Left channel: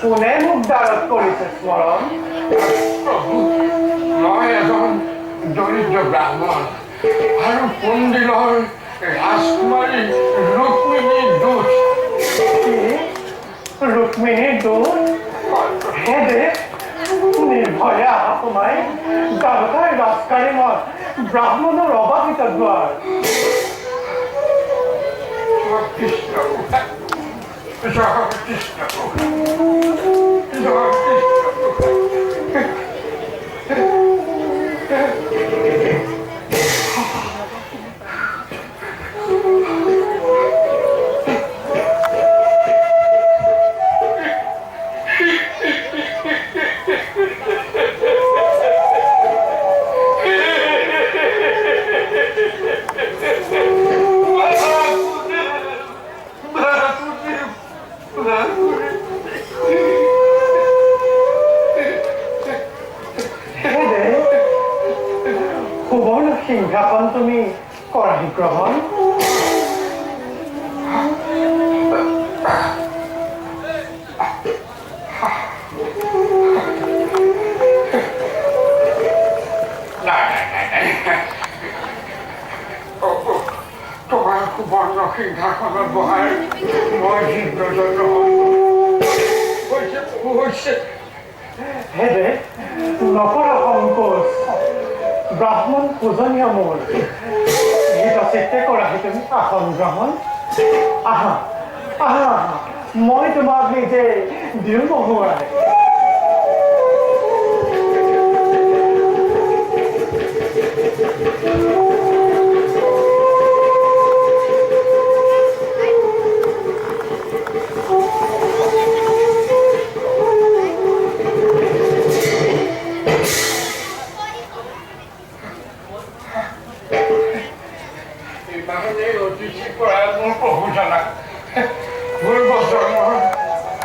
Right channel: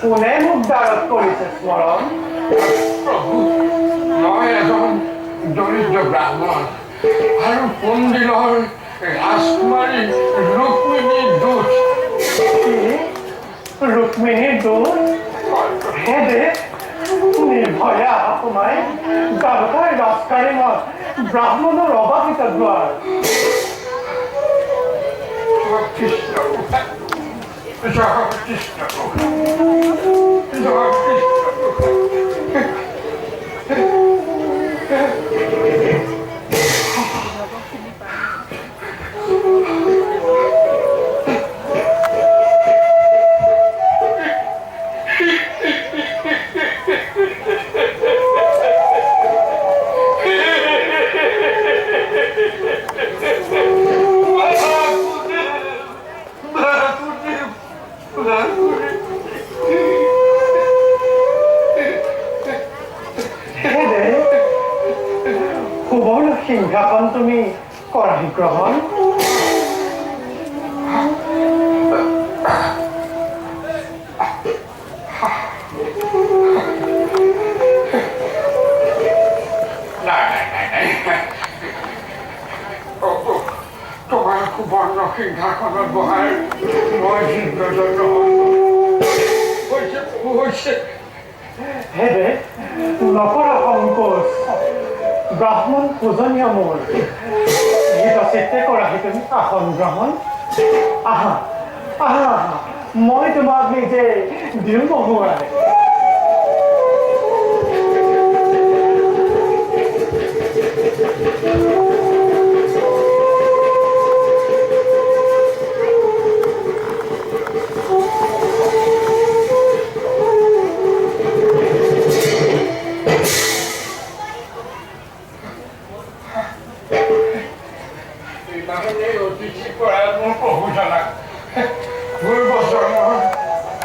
কোনে মোক দাঁড়ত কৰিছে স্মৰণ? প্ৰভু, মই এজন দৰিদ্ৰ ব্ৰাহ্মণ আৰু পণ্ডিলৰ ৰাজকুমাৰী ৰুক্মিণীৰ দূত। ৰুক্মিণীৰ দূত? হেদে নিৰ্ভয়ে আহা সোমাই দ্বাৰকাৰ ৰাজকাৰী মত ব্ৰাহ্মণৰ অবাধিত দ্বাৰ। সুবৰ্ণ সিংহাসন তুমি কৰাহি গ্ৰহণ। তোমাৰ সুবৰ্ণ সিংহাসনত বহাৰ মই হৃদয়জন্য হৈছে। হেদে নকৰা সংকোচ, ব্ৰাহ্মণ পূজনীয় মোৰ গীত চিত্তে কৰাহি তুমি আসন গ্ৰহণ। আহা আহা আহা, মই তোমাক নিজে দিওঁ বহুৱাই।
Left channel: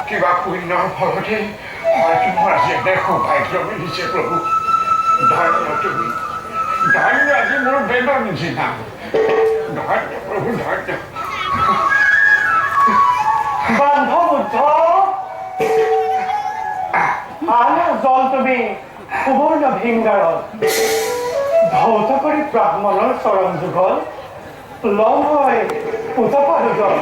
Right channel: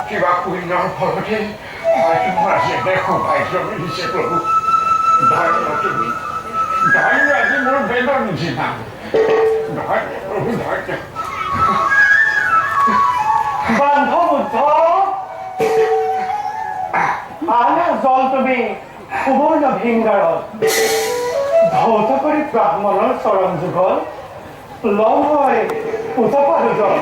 কিবা পুণ্যৰ ফলতে হয়তো মোৰ আজি এনে সৌভাগ্য মিলিছে প্ৰভু। ধন্য তুমি, ধন্য আজি মোৰ বেদৰ নিচিনা। ধন্য প্ৰভু, ধন্য। বান্ধ বুদ্ধ আনা জল তুমি সুবৰ্ণ ভিংগাৰত ধৌত কৰি ব্ৰাহ্মণৰ চৰণ যুগল লম হয় উতপা দুজন।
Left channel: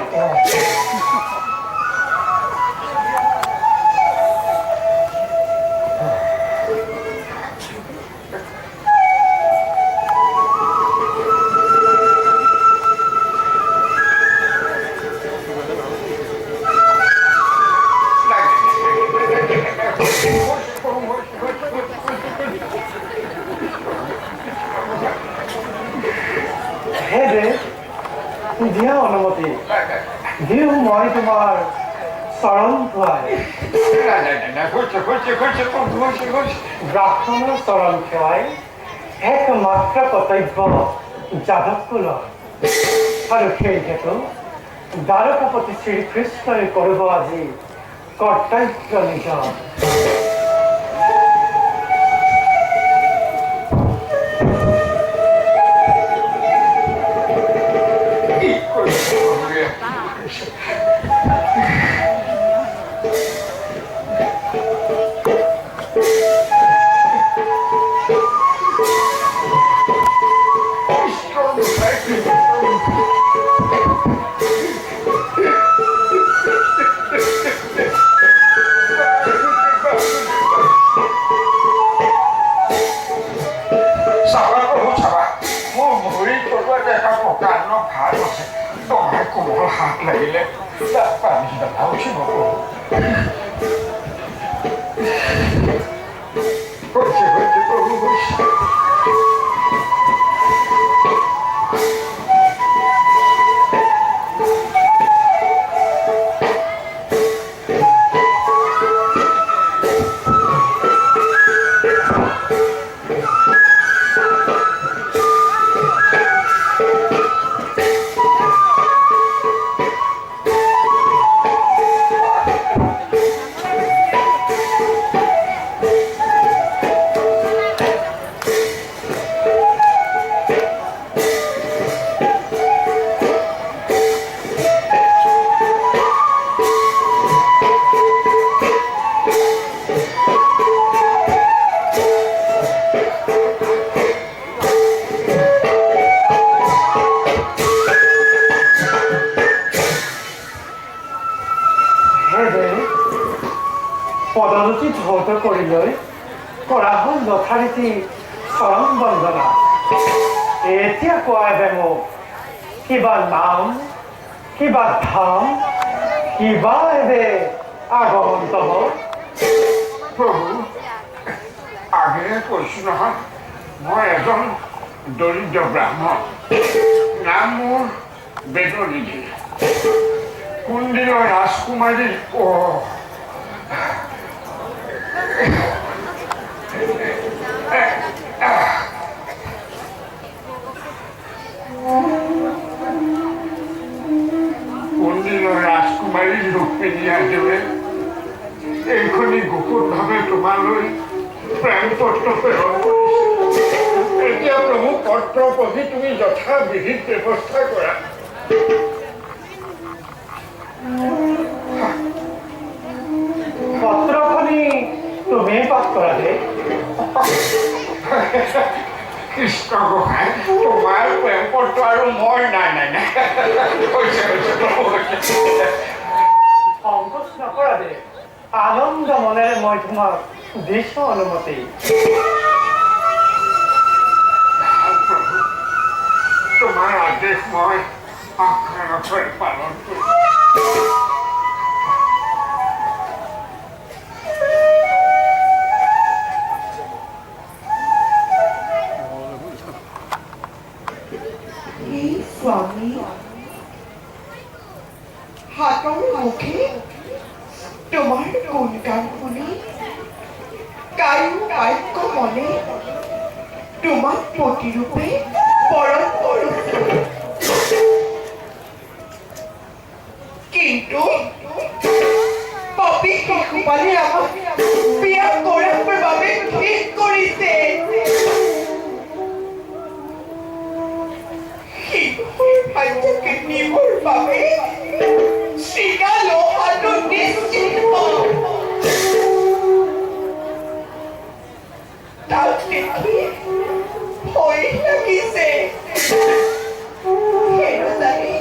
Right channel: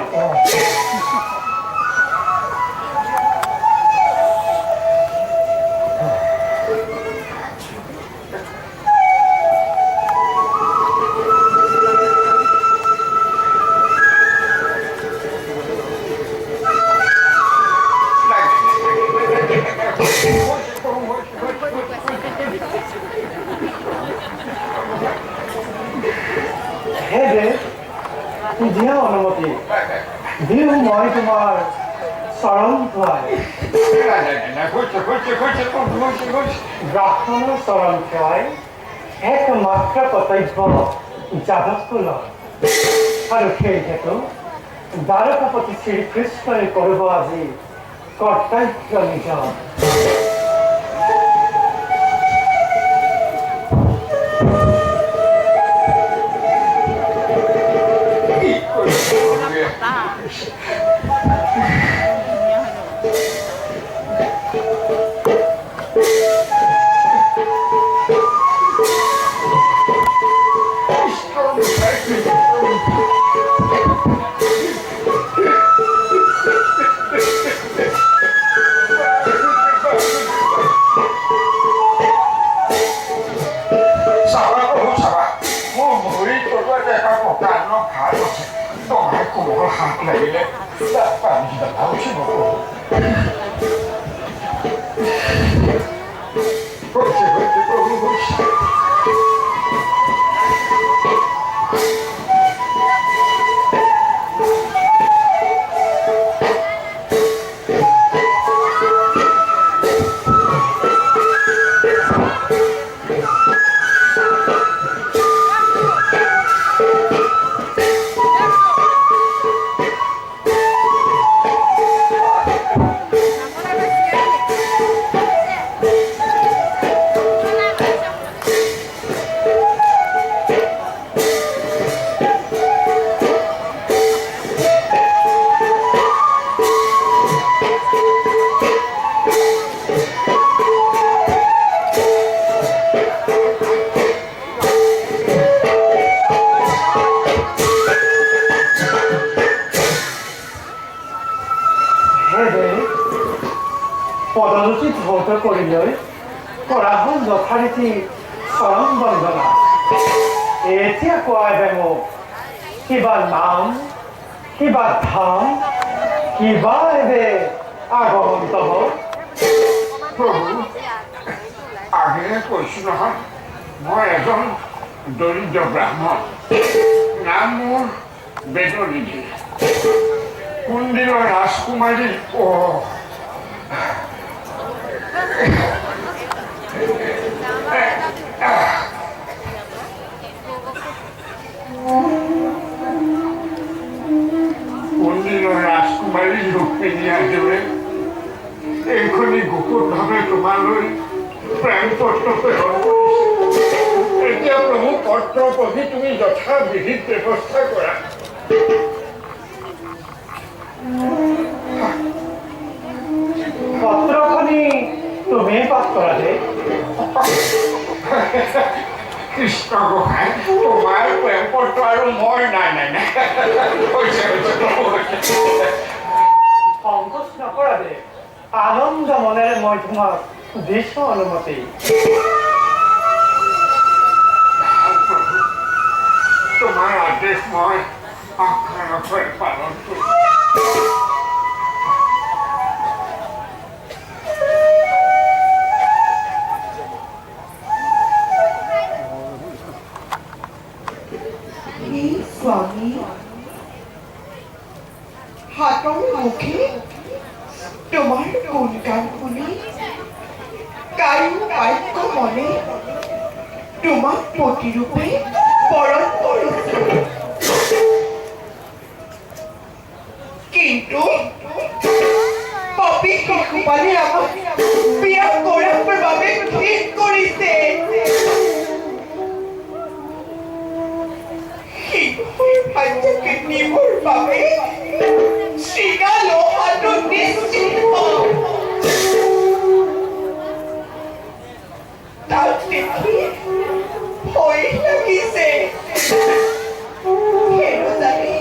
হেদে দিয়া অনুমতি দিওঁ মই তোমাৰ চৰণ ধুৱাই। ব্ৰাহ্মণৰ চৰণ সেৱাই একমাত্ৰ কৰ্তব্য যাদৱকুলৰ, আৰু সেই হেতু দ্বাৰকাপতি শ্ৰীকৃষ্ণই কৰিব আজি কৰ্তব্য নিজৰ। চাবা প্ৰভু চাবা মোৰ ভৰি তলুৱাত এটা প্ৰকাণ্ড ঘাট আছে তোমাৰ কোমল হাত লাগিলে তাত পানী জ্বলা উঠিব প্ৰভু হৈছে হৈছে প্ৰভু হৈছে পদোচিত ভৌত কৰিলৈ কৰা হ'ল যথাৰীতি চৰম বন্দনা এতিয়া কোৱাই দে মোক কিবা নাম কিবা ধাম কিবা এবে আগমন্তৱ প্ৰভু আগেয়ে কৈছোঁ নহয় মই এজন দৰিদ্ৰ ব্ৰাহ্মণ নাম মোৰ বেদনিধি কুণ্ডিলৰ ৰাজকুমাৰী কুণ্ডিলৰ ৰাজকুমাৰী ৰুক্মিণী আদিৰে এইখনি গুপুতভাৱে তোমালৈ প্ৰেম পত্ৰ প্ৰেৰণ কৰিছে এতিয়া প্ৰভু পত্ৰ পঢ়ি তুমি যথাবিহিত ব্যৱস্থা কৰা পত্ৰখনি তুমি পাঠ কৰা দে কৃষ্ণ গোসাঁই তোমাৰ প্ৰেম পত্ৰ আৰু মই নাই নাই নাই হৈছে হৈছে প্ৰভু সংকোচ নকৰা দে আনন্দ মনেৰে মই তোমাক দিছোঁ অনুমতি তোমাৰ আদেশ মই অক্ষৰে পালন কৰিম স্বামী হাতৰ মুখে তোমাৰ গুণগান শুনি কায়ো বাক্য মনে তোমাক প্ৰতিৰূপে বৰণ কৰিছোঁ কিন্তু পাপী শিশুপালে আমাক বিয়া কৰাৰ বাবে ঠিক কৰিছে ভাগ্যকে নিবৰ বাবে চিগা লোহাটো নিশ্চিত তাক দেখি ভয় লাগিছে হেৰজানি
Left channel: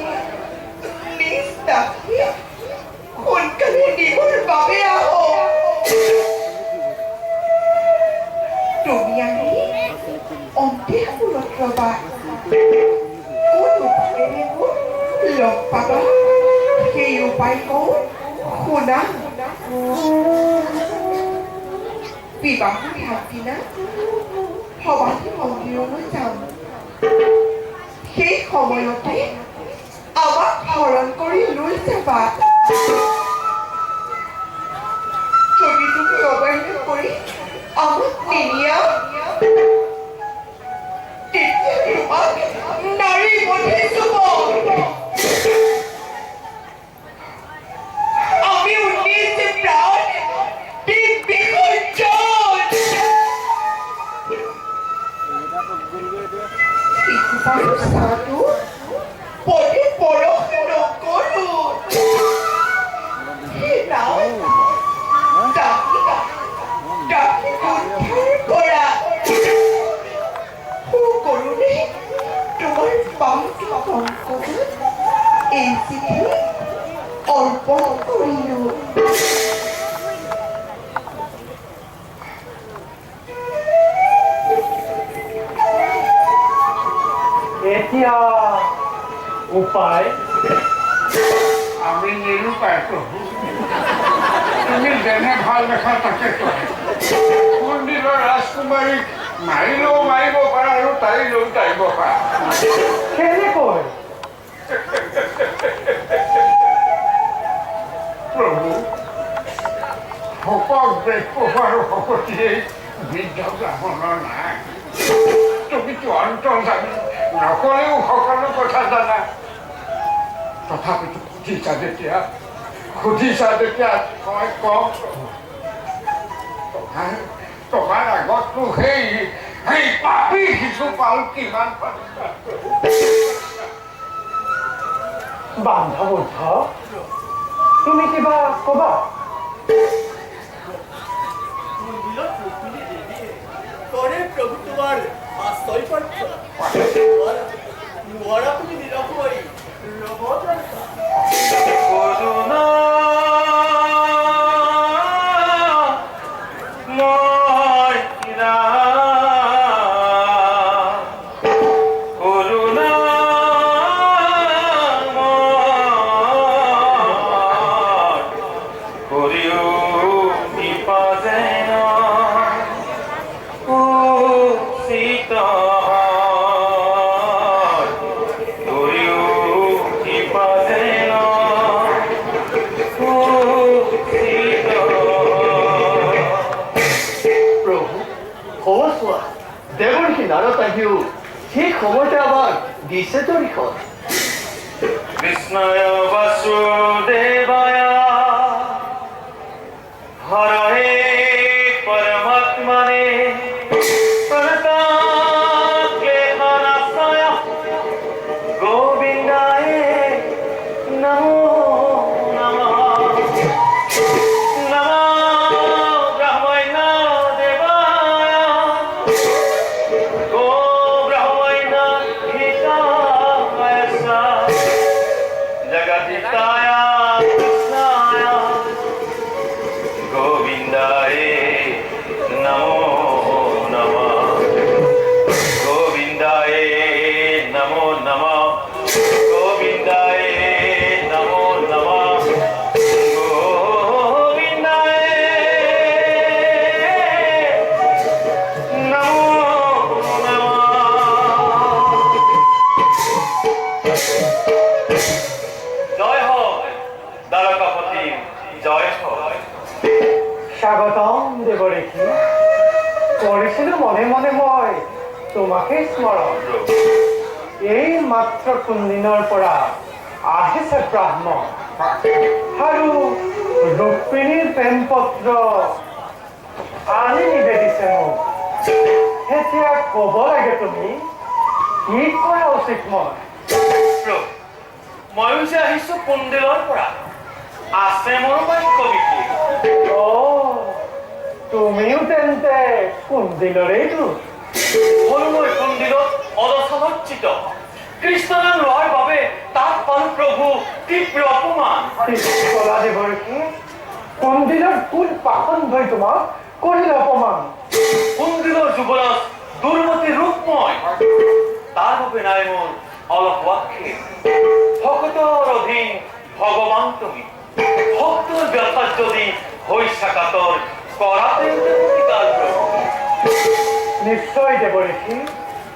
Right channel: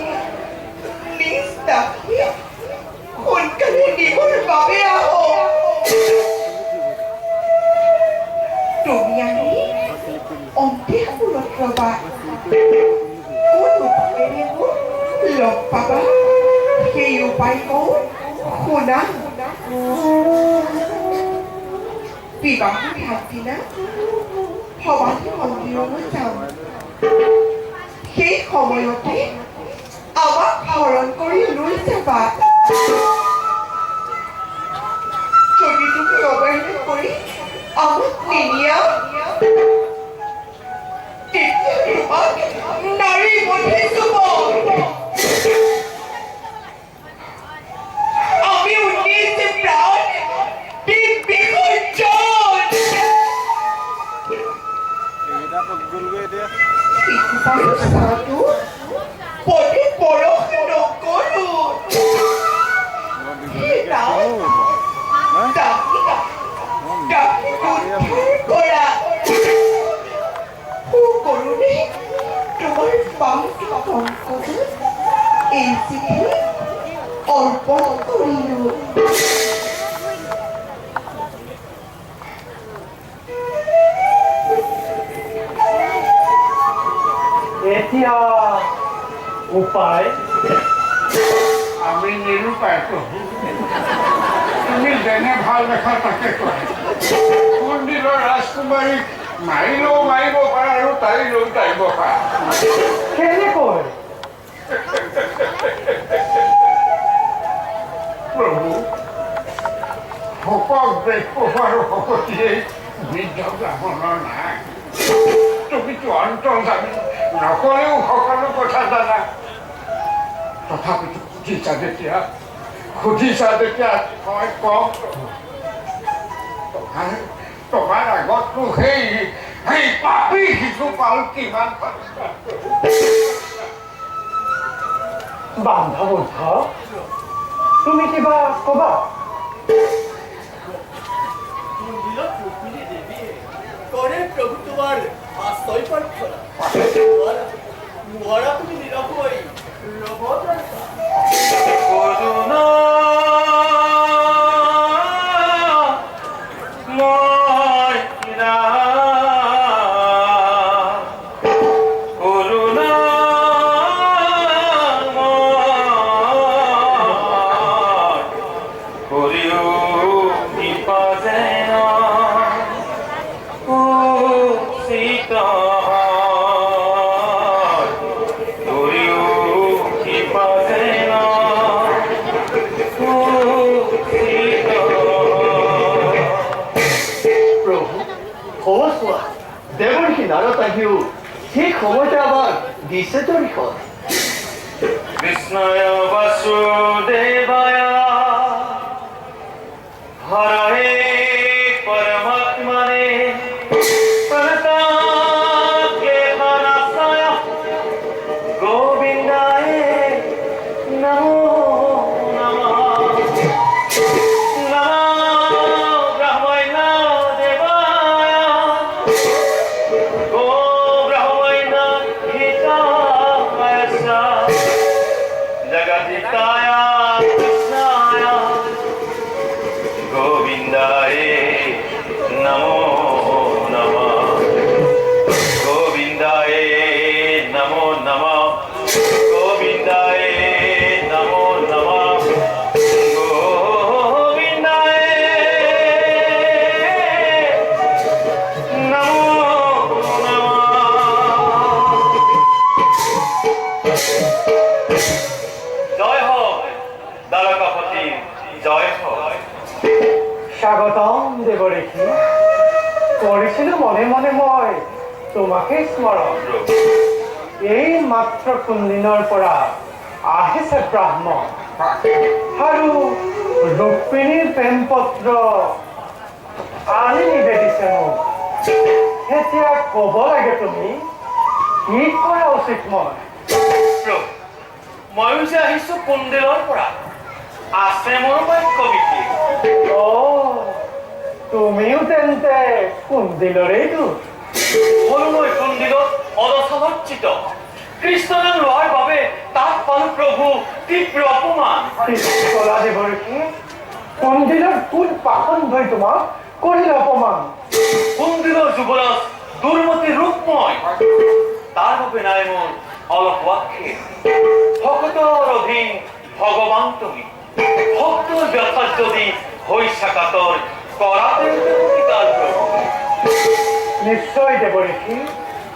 নিজ দাসী সোনকালে নিবৰ বাবে আহক তুমি আহি অন্তেপুৰত ৰবা লগ পাবা সেই উপায় কওঁ শুনা বিবাহৰ আগদিনা সমাধি মন্দিৰলৈ যাম সেই সময়তে আমাক হৰণ কৰি লৈ যাবা যদি তুমি অৱহেলা কৰি আমাক নিনিয়া তেতিয়া তোমাক নাৰী বধি চুব আমি উন্নিছে প্ৰাণ দিক বিসৰ্জন শিশুপালু পদে পৰশ নকৰো ডাকি উদ্ধাৰ কৰা সুকৰুণে তোমাৰ পাওঁটো সংকটত এই চিঠি অৰ্পণ কৰিলোঁ এতিয়া উপায় আমি নিৰূপায় প্ৰভু তুমি যেনে ভাল দেখা তাকে কৰা মন্দিৰৰ ৰাজকুমাৰীক মাৰিলেও মাৰিব পাৰা আৰু তাৰিলেও তাৰিব পাৰা কেনেকৈ প্ৰভু শোকক বেগ আৰু শকতিয়েই বৃদ্ধ ব্ৰাহ্মণৰ নাই তুমিতো অন্তৰ জানি নকলেও সকলো কথা জানা তথাপিতো সুধিছা যেতিয়া মই কওঁ তোমাৰ আগততো সেই পাপী শিশুপাল কিমান বান্ধবুদ্ধ তুমি কিবা কবা মন্দিৰত ৰুক্মিণী দেৱীয়ে কৰে প্ৰভু তোমাৰ আশ্ৰয় প্ৰাৰ্থনা নোৱাৰা তুমি নিৰকৈ ৰ'ব কৰুণা ময়না কৰুণা কৰিও কৃপা যেন সীতা কৰিও কৃপা যেন প্ৰভু সমস্যা দেৱৰ কিনাৰত আহিও ঠিক সময়তে আমাক দিছে তৰিখন কৃষ্ণয় বাসুদেবায় হরে পরমাত্মনে প্রণতাক্লেশনাশায় গোবিন্দায় নমো নমঃ নমো ব্রহ্মণ্য দেবায় গো ব্রহ্মণ্য হিতায় জগদিতায় কৃষ্ণায় গোবিন্দায় নমো নমঃ গোবিন্দায় নমো নমঃ গোবিন্দায় নমো নমঃ গোবিন্দায় নমো নমঃ জয় হোক দ্বারকাপতি জয় হোক স্বাগতম দেৱৰেখি কৰিছিলো মনে মনে মই তোমাকে স্মৰণ এই মাত্ৰ কোনদিনৰ পৰা আহিছে ব্ৰাহ্মণ আৰু ৰুক্মিণীৰ প্ৰেম পত্ৰ আনি নিবেদিছে মোক এতিয়া ক'ব লাগে তুমি কি কৰা উচিত মই প্ৰভু ময়ো যে আহিছো কুন্দিলৰ পৰা আছে মোৰ বাক্য বিশেষ তুমিও তেন্তে কুন্দিলৰেইতো হলো মই কুন্দিলত অদশাভৰ্জিত কৃষ্ণ নাম লোৱাৰ বাবে তাত পালো প্ৰভু তীব্ৰ অপমান কলা দেৱৰকী কুন্দিলৰ কোন পাখন ভয় তোমাক কৰিলে অপমান কুন্দিলৰ যুৱৰাজ দুৰ্মতি ৰূপময় তাৰ বাবে নাই মোৰ অলপ আক্ষেপ ভকতৰ অধীন ভগৱান তুমি ভক্তৰ ব্যথাত যদি হৈছা কাতৰ কৰাতে প্ৰতিকাৰ প্ৰভু নিশ্চয় দেৱৰকী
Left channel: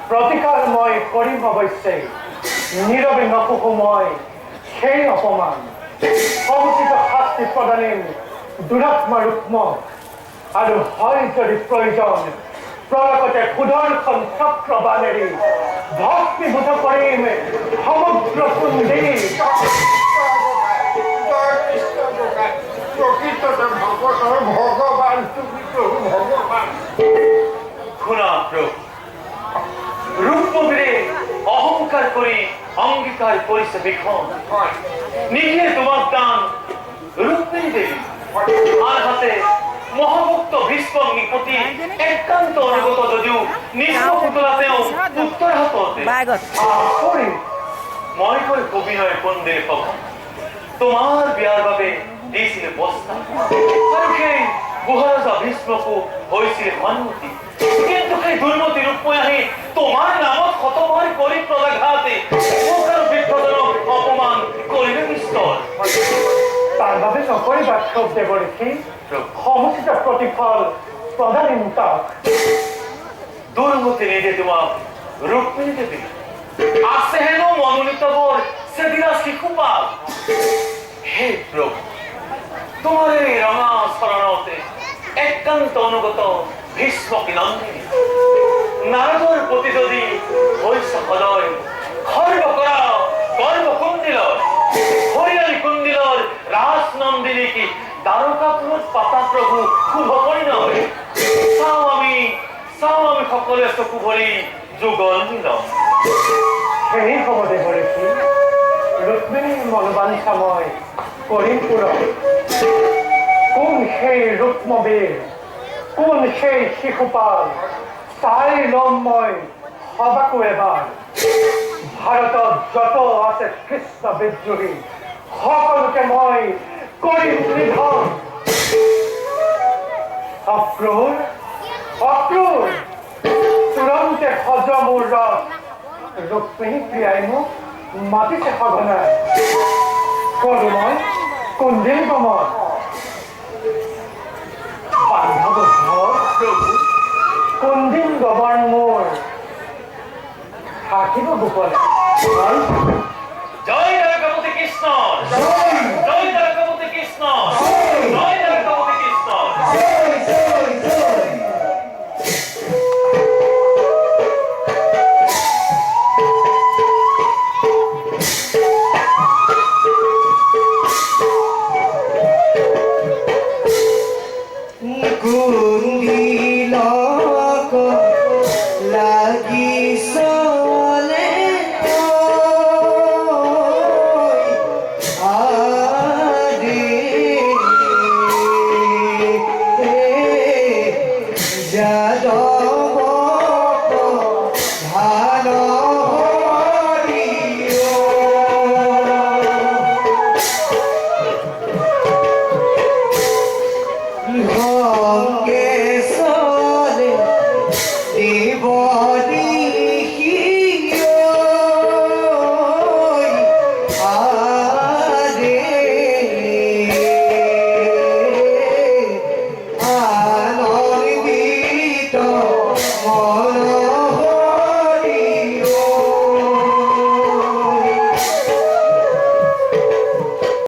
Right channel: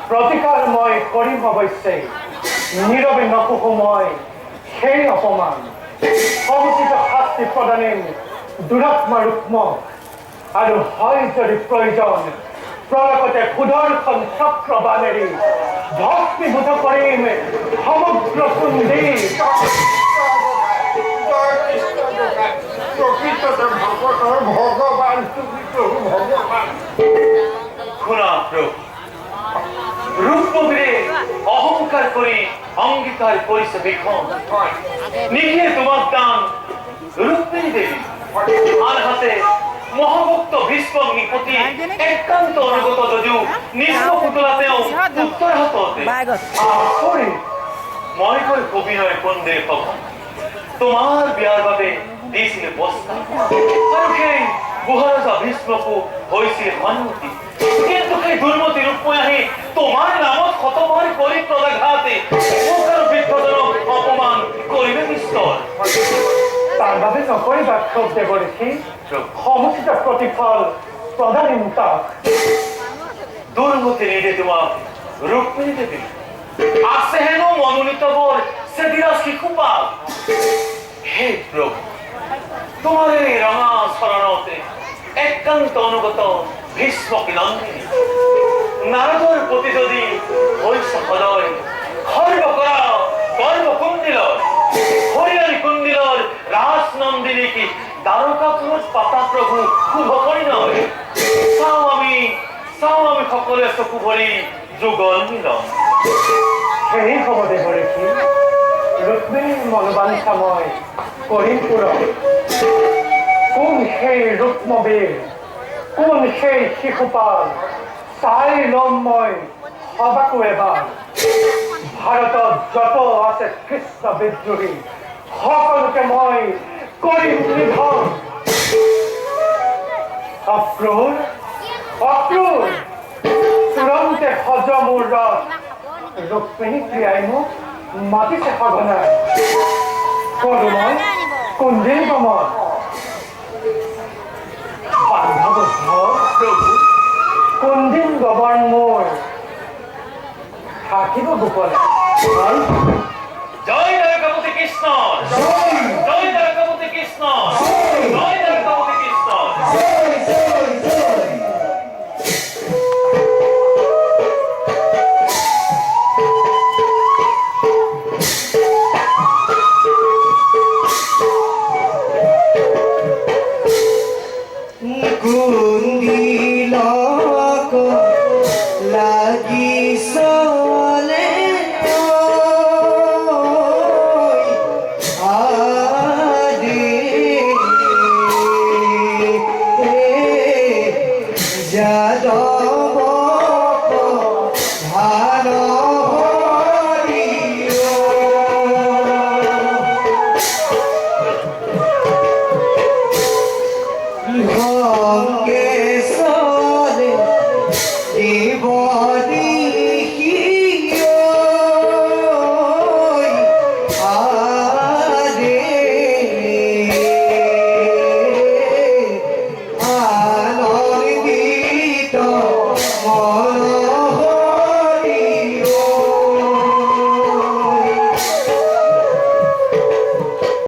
প্ৰতিকাৰ মই কৰিম অৱশ্যেই নীৰৱে নকহো মই সেই অপমান সমুচিত শাস্তি প্ৰদানিম দুৰাত্মা ৰুক্মক আৰু হয় যদি প্ৰয়োজন প্ৰলকতে সুদৰ্শন চক্ৰবাণেৰে ভক্তিভূত কৰিম সমগ্ৰ কুন্দি প্ৰকৃততে ভগতৰ ভগৱান তুমি প্ৰভু ভগৱান শুনা প্ৰভু ৰূপমীৰে অহংকাৰ কৰি অংগীকাৰ কৰিছে বিখন নিদিয়ে তোমাক দান ৰুক্মিণী দেৱী আনহাতে মহাভক্ত ভীষ্মক নিপতি একান্ত অনুগত যদিও নিজ পুতলা তেওঁ উত্তৰ হাততে মই কৈ কবিনয় কন্দিৰ সভা তোমাৰ বিয়াৰ বাবে দিছিল বস্তা আৰু সেই মহাৰাজা ভীষ্মকো হৈছিল সন্মতি কিন্তু সেই দুৰ্মতি ৰূপময় আহি তোমাৰ নামত শতবাৰ কৰি প্ৰদাঘাত কৰিবা ক্ষোভ দেৱঋষি সমুচিত প্ৰতিফল প্ৰদানিম তাক দুর্গতি নিদে তোমার রুক্মিণী দেবী আছে হেন মনোনীত বর সেদিরা শিশুপাল হে প্রভু তোমার এই রঙা শরণতে একান্ত অনুগত ভীষ্মক নন্দিনী নারদর প্রতি যদি হইসা হদয় খর্ব করা গর্ব কুণ্ডিলর হরিয়ালি কুণ্ডিলর রাস নন্দিনী কি দ্বারকাপুর পাতা প্রভু শুভ পরিণয় চাও আমি সকলে চকু ভৰি যুগল মিলন সেই হ'ব দেৱঋষি ৰুক্মিণীৰ মনোবাঞ্ছা মই কৰিম পূৰণ কোন সেই ৰুক্মবীৰ কোন সেই শিশুপাল চাই ল'ম মই সবাকো এবাৰ ভাৰতত যত আছে কৃষ্ণ বিদ্ৰোহী সকলোকে মই কৰিম নিধন অক্ৰূৰ অক্রূর তুরন্তে হজ মোর রথ রুক্মিণী ক্রিয়ায় মোক মাতিছে সঘনায় করু মই কুঞ্জিল বমন বান্ধব প্রভু কুঞ্জিল গবন মোর থাকিব গোপনে জয় দ্বারকাপতি কৃষ্ণ জয় দ্বারকাপতি কৃষ্ণ জয়